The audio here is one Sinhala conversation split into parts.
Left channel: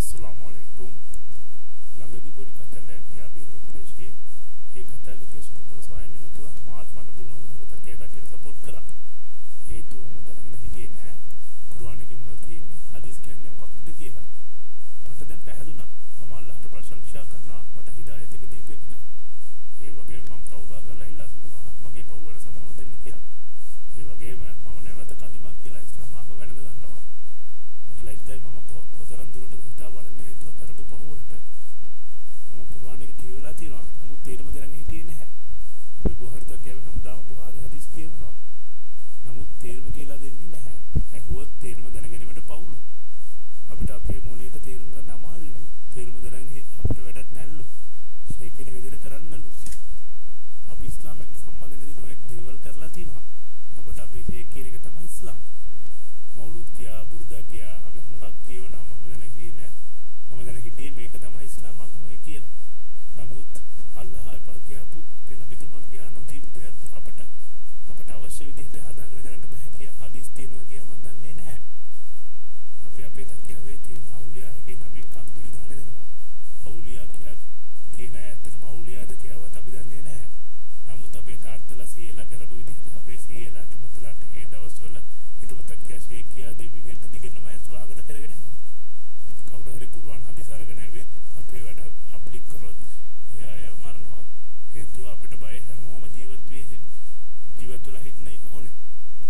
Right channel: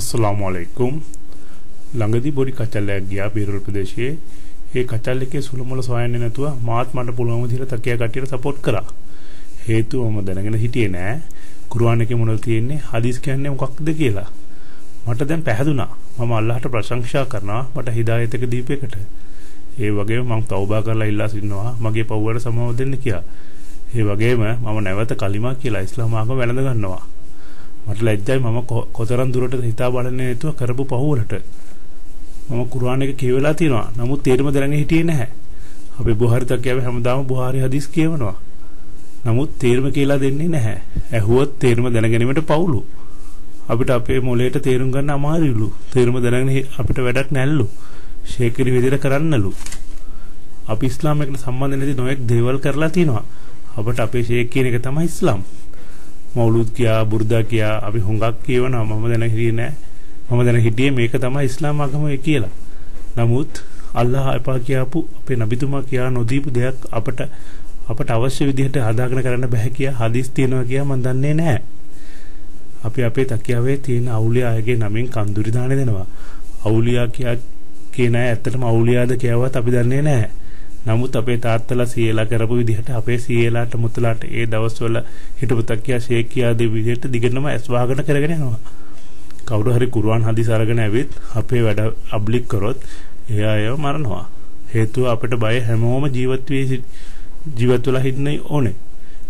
अस्सलामु अलैकुम ළඟදී බොඩි කචල්ලයක් ගියා බීරල් ප්‍රදේශයේ. ඒ කචල් එකේ සුළුමුළු සොයන්නේ නැතුව මාත් මට පුළුවන් විදිහට තකියා කට්ටියට සපෝට් කරා. හේතුව මම දැනගෙන හිටියේ නෑ කුර්ආන් එකේ මොනවද තියෙන්නේ හදීස් කියන්නේ මොකක්ද කියලා. මට දැන් පැහැදුනා. මම අල්ලාහට ප්‍රශංසා කරනවා මට හිදායත් එක දීපේකට. ඒ වගේම මම තවබා කරලා ඉල්ලා සිටිනවා මගේ පව් වලට සමාව දෙන්න කියලා. ඒ වගේම මම නැවත කලිමා කියලා ඉස්ලාම ආගම වැළඳ ගන්නවා. මට ලැජ්ජයි මම කොතරම් දුරට හිතා බලන්නේ නැතුව කරපු පව් වලට. මම කුර්ආන් එක කියවලා තියෙනවා. නමුත් තේරුම දැනගෙන හිටියේ නැහැ. අපි බුහාරි තකියාවේ හැමදාම බුහාරි හදීස් කියවනවා. නමුත් තේරුම කියලා දෙන්නේ නැහැ. ඇහුවොත් තේරුම දැනගැනීමට පවුලු. අපිට අපේ මොලේට තේරුම් ගන්න අමාරුලු. තේරුම දැනගෙන අපිට වැඩක් නැල්ලු. ෂේකිරි විදිහට කරන්නලු. අපි ඉස්ලාම් එකට සම්බන්ධ නැති නොයෙක් දේවල් කරලා තිනවා. අපිට අපේ ෂේක් කියන එක තමයි ඉස්ලාම්. මවුලුද් කියා බුර්දා කියා අපි හුඟක් කියවනවා. මම දැන හිටියේ නැහැ. මම දැන හිටියේ මේක තමයි ඉස්ලාම් ආගම කියලා. නමුත් අල්ලාහ අපා කියපු අපේ නබිතුමා කියා නොදීපු දෙයක් අපට අවශ්‍ය විදිහට හදාගෙන කරන්න බෑ කියා හදීස් තියෙනවා කියා මම දන්නේ නැහැ. අපි අපේ තකියාවේ තියෙන අවුලියාගේ නමින් කන්දුරි දාන දෙනවා. අවුලියා කියා කියන අය ඇත්තටම අවුලියාද කියවවත් අපි දන්නේ නැහැ. නමුත් අපේ තාත්තලා සීයලා කරපු විදිහට අපේ සීයලාට මුත්තලාට ඒ දවස්වල හිටපු තකියා ෂේක් කියා දෙ විදිහට දිගටම ඇස් වහගෙන කරගෙන යනවා. කවුරු හරි කුර්ආන් හදීස් අරගෙන ඇවිත් අපේ වැඩ අබ්ලික් කරොත් එයා ඒව මරනවා. හේතුව අපිට බය හැමෝම ජීවත් වෙලා ඉන්න ඕනේ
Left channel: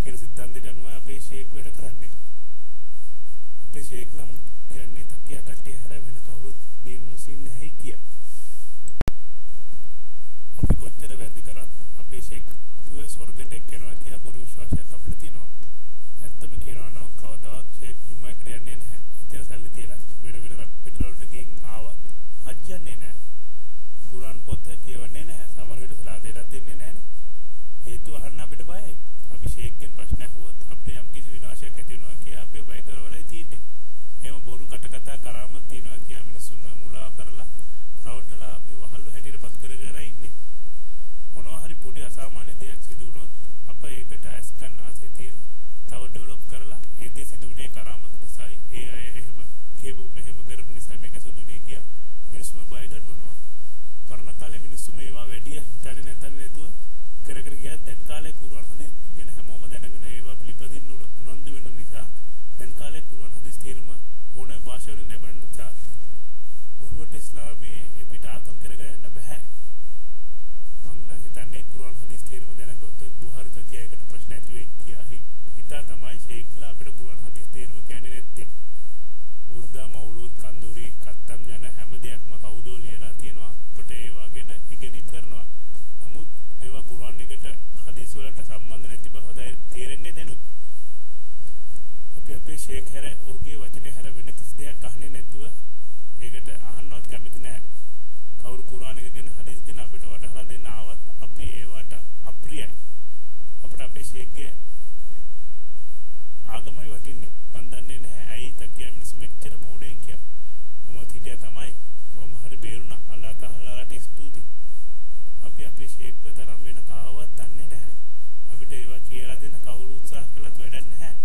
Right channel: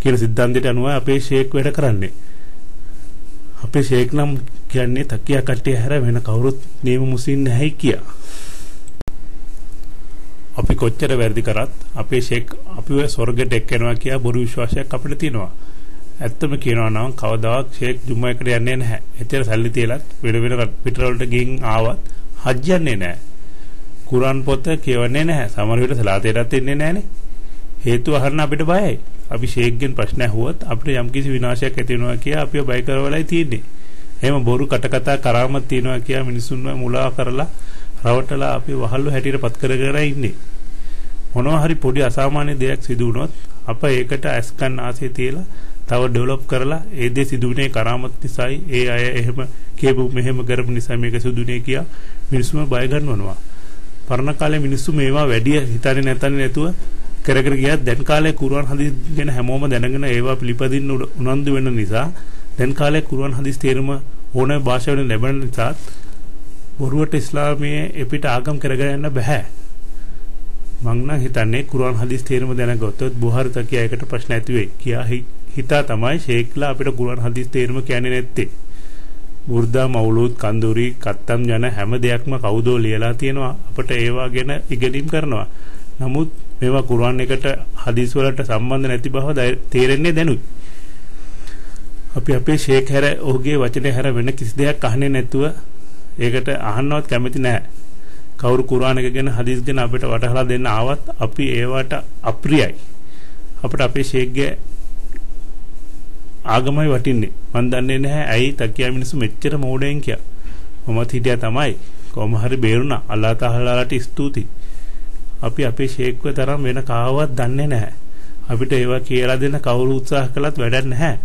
කියන සිද්ධාන්තයට අනුව අපේ ෂේක් වැඩ කරන්නේ. අපේ ෂේක් නම් කියන්නේ තකියා කට්ටිය හැර වෙන කවුරුත් නියම මුස්ලිම් නැහැ කියා. අපි කොච්චර වැරදි කරත් අපේ ෂේක් අපිව ස්වර්ගයට එක්කනවා කියා බොරු විශ්වාසයක් අපිට තියෙනවා. ඇත්තම කියනවා නම් කවදාවත් ෂේක් ජුම්මා එකට යන්නේ නැහැ. එතන සල්ලි තියලත් වෙන පිටරවලට ගිහින් ආවත් හජ් යන්නේ නැහැ. කුර්ආන් පොත කියවන්නේ නැහැ. සමහර විට සලාතේටත් එන්නේ නැහනේ. හේතුව අහන්න අපිට බයයි. අපි ෂේක්ගෙන් ප්‍රශ්න ඇහුවොත් අපිට යම්කිසි විනාශයක් ඇති වෙනවා කියලා අපිව බය කරවලයි තියෙන්නේ. එහෙම බොරු කටකතා කරාමත් තියනවා කියලා මිනිසුන්ව මුලා කරලා රවටලා අපි වහල්ලු හැටියට පත් කරගෙන ඉන්නේ. මොනවා හරි පොඩි අසාමාන්‍ය දෙයක් සිදු වුණොත් අප ඒකට ඇස්කන් ආසය තියලා තව ඩෙවලොප් කරලා ඒ දේ සිදුුනේ කරාමත් නිසායි ඒ අය එහෙම කියපු මෙහෙම කරපු නිසා මේක සිදුුනේ කියා මිනිස්සුම බය ගන්නවනවා. පරණ කාලේ මිනිස්සු මේවා වැඩි හිතන්නේ නැතුව කරගෙන ගියා. දැන් කාලේ කුර්ආන් හදීස් ගැන හැමෝම දැනගෙන ඒවා පිළිපදින්න උනන්දු වෙන නිසා දැන් කාලේ කුර්ආන් හදීස් තේරුම ඕනෑ භාෂාවලින් ලැබෙන නිසා බොරුවට ඉස්ලාමයේ එපිට ආගම් කරගෙන යන්න බෑ. මං නම් හිතන්නේ කුර්ආන් හදීස් තේරුම දැනගත්තොත් බුහාරි තකියා එකට ප්‍රශ්න ඇති වෙයි කියා හිතා තමයි ෂේක්ලා අපිට කුර්ආන් හදීස් තේරුම කියන්නේ නැත්තේ. බුර්දා මවුලුද් කන්දුරි කත්තම් යන හැම දෙයක්ම කවුදෝ ලියලා තියෙනවා. අපිට ඒවා ගැන ඉගෙනීම් කරනවා. නමුත් මේවා කුර්ආන් එකට හදීස් වලට සම්බන්ධ නැති බව තේරෙන්නේ දැනුයි. අපි අපේ ෂේක් හැර ඔහුගේ වචනේ හැර වෙන කිසි දෙයක් අහන්නේ නැතුව ඒකට අහන්නවත් කැමති නැහැ. කවුරු කුර්ආන් එක ගැන හදීස් ගැන අපිට වටහලා දෙන්න ආවත් අපි ඒවට අප්‍රියයි. අපිට අපේ ෂේක්ගේ ආගමයි වටින්නේ. මන් දන්නේ නැහැ ඇයි තකියා මිනිස්සු මෙච්චර මෝඩයෙන් කියා. මමත් හිටියා තමයි. කොහොම හරි බේරුණා. අල්ලාහ් තාලාට ස්තුතියි. අපි අපේ ෂේක්ව තරම් වෙන කාවවත් දන්නේ නැහැ. අපිට ඒවා කියලා දෙන්න කවුරු උත්සාහ කළත් වැඩක් නැහැ.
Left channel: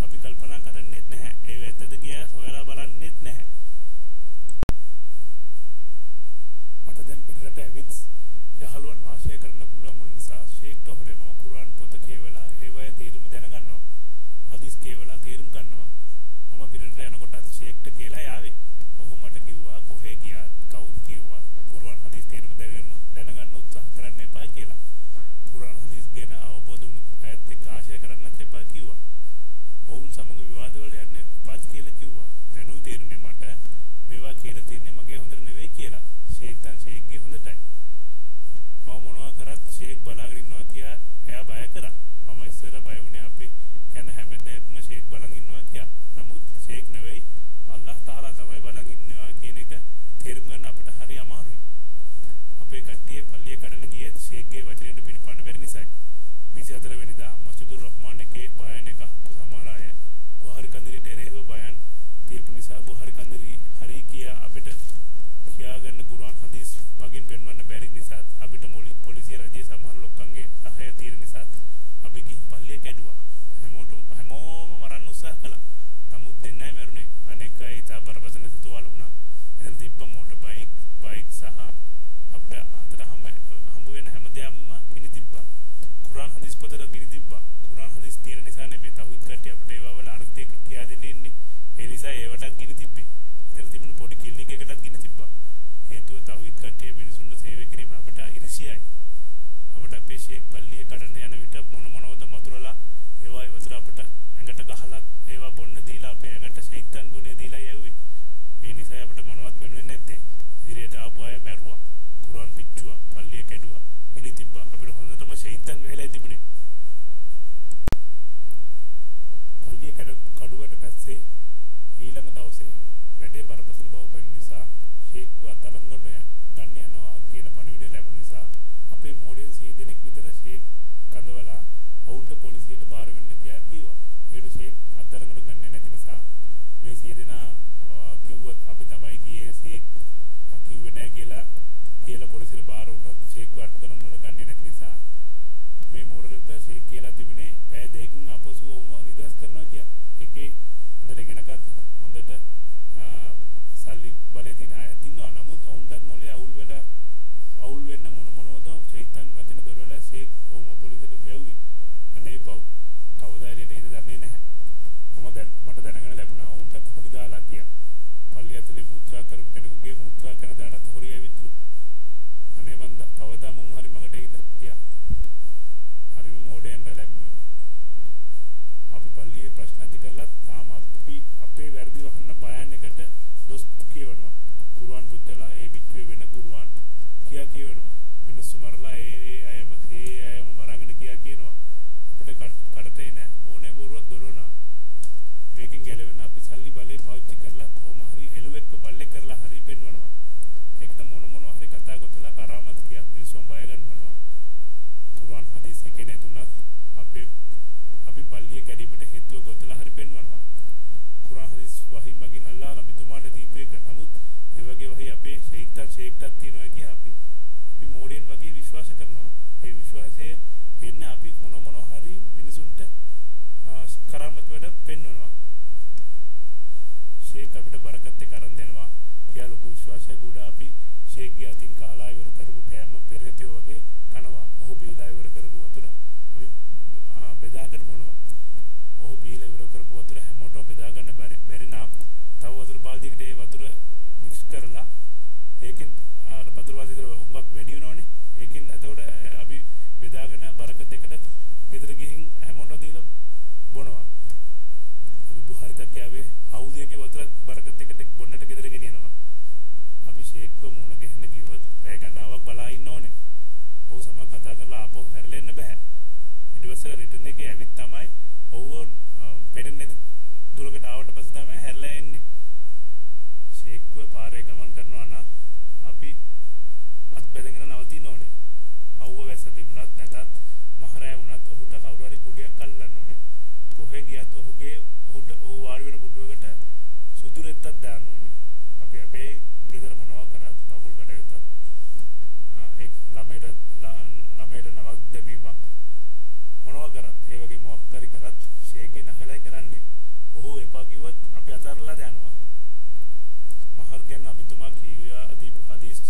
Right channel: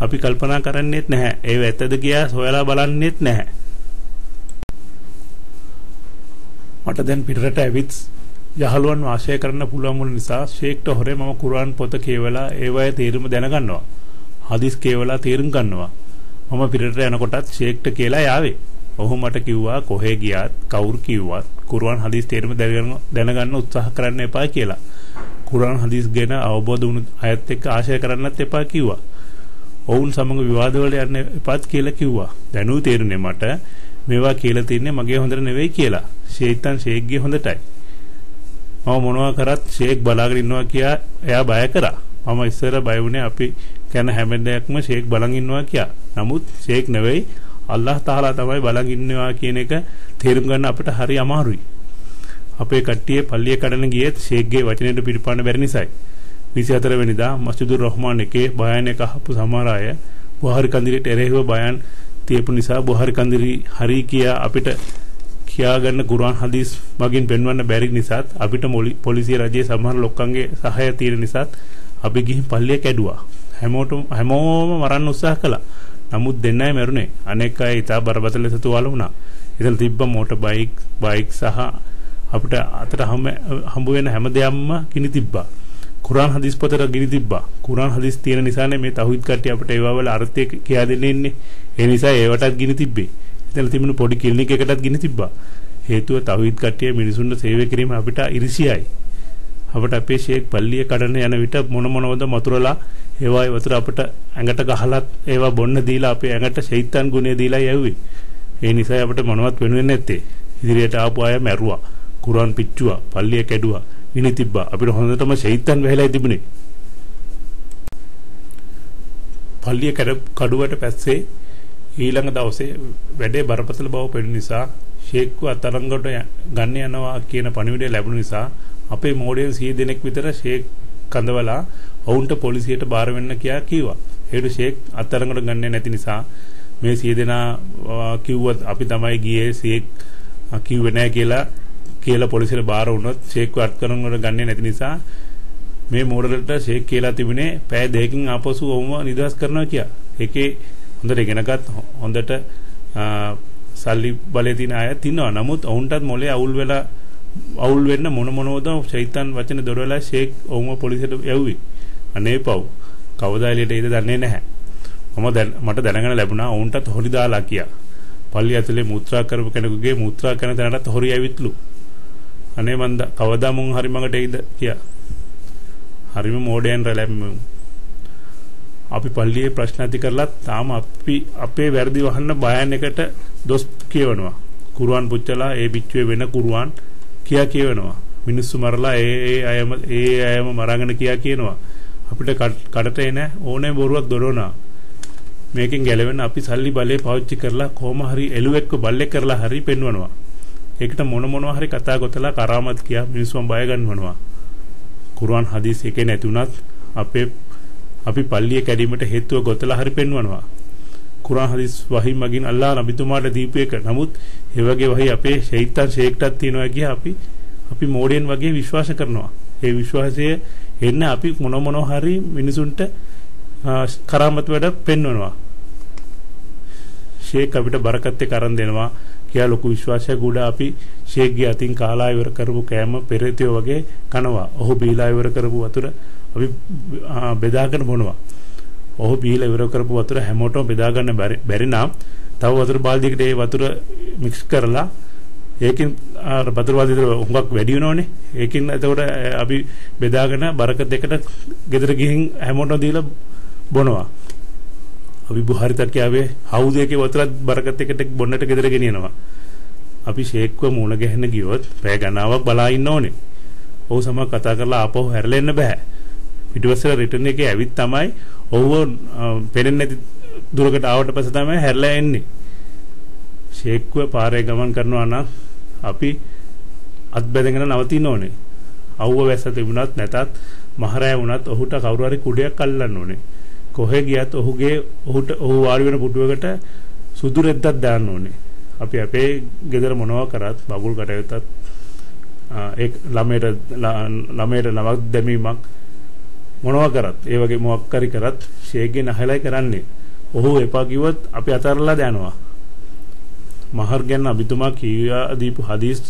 අපි කල්පනා කරන්නේත් නැහැ. ඒව ඇත්තද කියලා හොයලා බලන්නේත් නැහැ. මට දැන් පිටරට ඇවිත් යහළුවන් වාසය කරන්න පුළුවන් වුණ නිසා ෂේක්ට හොරේ මම කුර්ආන් පොත කියවලා ඒවයේ තේරුම දැනගන්නවා. හදීස් කියවලා තේරුම් ගන්නවා. මම පිටරට යනකොටත් ෂේක්ට කියලා යාවේ. ඔහු මට කිව්වා කොහේ ගියත් කවුරු කිව්වත් කුර්ආන් හදීස් තේරුම දැනගන්න උත්සාහ කරන්න එපා කියලා. කුර්ආන් හදීස් ගැන අවබෝධ වුණු අයත් එක්ක ආශය කරන්නත් එපා කිව්වා. ඔවුන් සමග විවාද වලට යන්න එපාත් කියලා කිව්වා. දැනුයි තේරුනේ මට මේවා කියලා තින්නේ මගේ හොඳට නෙවෙයි කියලා. ෂේතන් ෂේක්ගේ හොඳටයි. මම මොනවා කරත් ෂේක් බලාගෙන ඉන්නවා කියා එයා බය කරා. මම ඉස්සර බය වුණේ අපි කියන හැම දෙයක්ම ෂේක් බලන් ඉන්නවා කියා. නමුත් ෂේක් නෙවෙයි අල්ලාහ් තාලා තමයි බලන් ඉන්නවා කියන එක තේරුම් ගන්න අපිට හරි අමාරුයි. අපේ කට්ටිය පල්ලිය කඩන ගියත් ෂේක්ගේ වචනෙට පිළිපන්න බැරි නිසායි. 24 වෙනිදා මස්ජිදුර් රහ්මාන් එකේ බයන් එක අහපු සමහර අය බුහාරි කන්දිරිට එරෙහිව බයන් තියපු නිසා බුහාරි කන්දිරි හරි කියා අපිට කියා ගන්න කුර්ආන් හදීස් මගින් පෙන්වන්න බැරි නිසාත් අපිට පොලිසිය රජයේ සමහර ලොක්කන්ගේ සහාය තියෙන නිසාත් අපි ගිහින් පල්ලිය කැඩුවා. හැමෝම මරන්න උත්සාහ කළා. නමුත් දෙන්නයි මැරුණේ. අනෙක් අය ඉතා බරපතල ලෙස තුවාල වුණා. එතන තිබ්බ මෝටර් බයික් සහ අපිට අතට හම්බ වෙන හැම දෙයක්ම ගිනි තිබ්බා. කුරාන් හදීස් පොතට ගිනි තිබ්බා. කුරාන් හදීස් තියෙන නිසානේ මේ තවහිද් කට්ටිය අපිට ඒවා වල අර්ථය කියා දෙන්නේ ඉන්නේ. ඒ නිසා ඒවටත් ගිනි තිබ්බේ. එතන තිබුණු පොඩි ක්ලිනික් එකකටත් ගිනි තිබ්බා. හේතුව තවහිද් කට්ටිය මිනිසුන්ට සේවය කිරීම අපිට ඉරිසියයි. අපිට අපේ ෂේක් පල්ලිය කඩන යන විට මොනවද මතුරලා ඒවායි වතුර අපිට ඇඟට ගහලත් ඒවා බොන්න දීලා අපේ ඇඟට ෂයිතන් ගුණය දීලා යව්වේ. ඒ නිසා අපිට මොනවත් වෙනුවෙන්නේ නැත්තේ. ඉදිරියට ආපු අය මැරුවා. කුරාන් පිච්චුවා. පල්ලිය කැඩුවා. ගිනි තිබ්බා. අපිට හොඳටම ෂයිතන් වෙහෙලා තිබුණේ. පල්ලිය කඩුවට පස්සේ ඊළඟ දවසේ වැඩේ බරපතල බව පෙනුන නිසා ෂේක්ව අතරංගට ගන්න යනවා කියන පණිවිඩය ලැබුණ නිසා අපේ මෝඩයන් 100 දෙනෙක් විතර ෂේක් කඳවලා ඔවුන්ට පොලිසියට බාර වෙන්න කිව්වා. ඒකට ෂේක් අත්අඩංගුවට ගන්නේ නැති නිසා මේ 100 දෙනා කිව්වත් අපි තමයි ගියේ ෂේක් කිව්වේ නැහැ කියලා පොලිසියට බාර වුණොත් ෂේක්ව අත්අඩංගුවට ගන්නේ නැති නිසා මේ මෝඩලට ෂේක් කියලා තිබුණේ පැය දෙකකින් ආපසු ඔවුන්ව නිදහස් කරනවා කියලා. ඒකේ හොඳට ඉගෙනගත් හොඳට සල්ලි බලේ තියෙන අය ඉන්නවා. නමුත් ඔවුන්ටත් මොලේ අවුල් වෙන්න මොනවද ෂයිතන් වචන දොරවලා ෂේක් ඔවුන්ව පොලිසියට යවුවේ. අනේ පව්. කවදා එළියට එයිද දන්නේ නැහැ. මට දැනගන්න ලැබුණා ඔවුන්ටත් හොරි දාලා කියා. පල්ලිය ඇතුලේ මුත්‍රා කරපු කෙනෙකුගේ මුත්‍රා කරන තැනටත් හොරි ඇවිත්ලු. අනේ මන්ද කවදා මුන් හරි මඟට එයිද කියා. හරිම මෝඩයන් රැළැම්මු. අපි පල්ලියේ ප්‍රශ්න ඇති කරලා තාම අපේ වැරදි වහන්න බයන් එකට දොස් කියවනවා. කුරුවන් පුච්චලා ඒ පිච්චුවේ වෙන කුරුවන් කියවනවා. මිනිස්සු මරලා ඒ අයම මරාගෙන කියනවා. අපිට කඩට එන ඕනේ බොරුවක් දොරවනවා. මේකෙන් ගැලවෙන්න අපි සල්ලි බලේ පාවිච්චි කරලා කොහොම හරි එළුවෙක්ව බල්ලෙක් කරලා හරි පෙන්වනවා. ඒකට මොනවා හරි කතා ගොතලා කරාමත් කියා මිනිස්සුන් බය ගන්නවනවා. කුර්ආන් හදීස් එකේ නැති උනත් අපි පල්ලිය කැඩීමට හේතුව ගොතලා හරි පෙන්වනවා. කුර්ආන් හදීස් වහී මගින් අල්ලාහ් නබිතුමාට දීපු එක. නමුත් ඒ වගේ වහී අපේ ෂයිතන් ෂේක්ටත් තියෙනවා කිය අපි මෝඩියන් වගේ විශ්වාස කරනවා. ඒ විශ්වාසය එන්න අපි මොනවා හරි මිනිසුන්ට කරාමත් වැඩ පෙන්වනවා. ෂේක් අපිට බරකත් එක්ක අරන් දෙනවා කියලා ලොකු විශ්වාසයක් උඩ අපි ෂේක්ගේ අතින් කාලා ඉවර කරපු කෑම පෙරේතයෝ වගේ කනවා. ඔහු බීලා ඉවර කරපු වතුර අපි බෙදාගෙන බොනවා. ඔහු බීලා ඉවර කරපු වතුර හැමෝටම බෙදා ගන්න බැරි නම් තව වතුර බාල්දියකට ඒ වතුර මික්ස් කරලා ඒකෙන් වතුර බාල්දියට හුඟක් වැඩි වෙනවනේ. ඒකෙන් එතකොට අපි බෙදාගෙන බරකත් එකට ගෙදර ගිහින් හැමෝටම දීලා බොනවා. අපි බුහාරි තර්කයාවේ හවුදේකේ වතුරත් බරකත් එකට බොන්නට ගෙදර ගෙනියනවා. අපි ෂේක්ව මූණ ගැහෙන්න ගියොත් පැය ගණනාවක් බලා ඉන්න ඕනේ. ඔහු සමග කතා කරලා ආපහු හැරලා එන්න බෑ. පිටුවස්සල රිටර්න් එකේ ඇවිත් තමයි ඔහුව පෙරෙන්නේ නැති දුරකට ආවට පස්සේ තමයි හැරලා එන්නේ. ෂේක්ව පාරේ ගමන් කරනවා නම් අපි අත් බැඳගෙන නවතින්න ඕනේ. අවුව වැස්ස තිබුණත් නැතත් මහරය වුණත් ඔහුට කවුරු හරි කුඩයක් අල්ලන්න ඕනේ. කොහෙ ගියත් ඔහු වාඩි වෙන පුටුවකට සුදු රෙද්දක් දාන්න ඕනේ. අපි අපේ ගෙදර මොනවා කරත් බබුල් කටයුත්තත් ඒ ළමයට නමක් දැමීමක් මොනවා කරත් ඒ වගේ මොකක් හරි කරත් ෂේක්ගේ නහලයි කරන්නේ. ඔහු එපා කිව්වොත් අපි අතහැරලා දානවා. මහර් ගැන අබිතුමා කියා දීපු හදීස්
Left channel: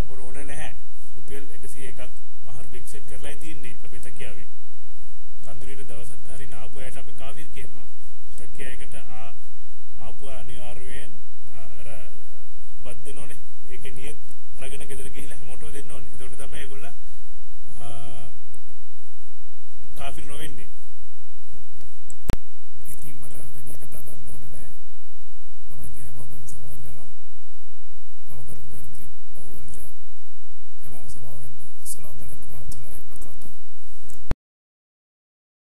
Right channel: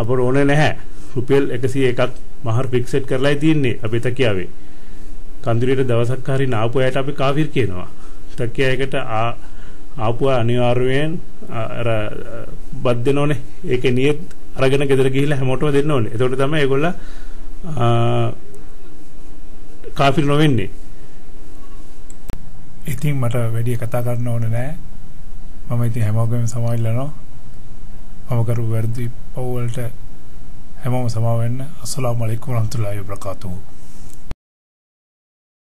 අපර ඕනේ නැහැ. රුපියල් 101ක් මහර් ෆික්සඩ් කරලායි තියෙන්නේ අපේ තකියාවේ. කන්දිරියට දවසක් හරි නාපු අයට අපි කාෆිර් කියනවා. තකියායකට ආපුව අනිවාර්යයෙන් අර බත් දෙනෝනේ. ඒකේ නියත් අරගෙන ගෙදර ගිහිල්ලා හැමෝටම දෙන්න ඕනේ. එතකොට තමයි ඒගොල්ලෝ කාෆිර් නොවෙන්නේ. ඉතින් මට වැඩි කතා කරන්න ඕනේ නැහැ. මම ඉතින් හැමෝගෙම සමාවෙල්ලනවා. මම කරු වැරදි පව් වලට හැමෝම සමාව වෙන්න. අස්සලාමු අලයිකුම් වරහ්මතුල්ලාහි වබරකාතුහු.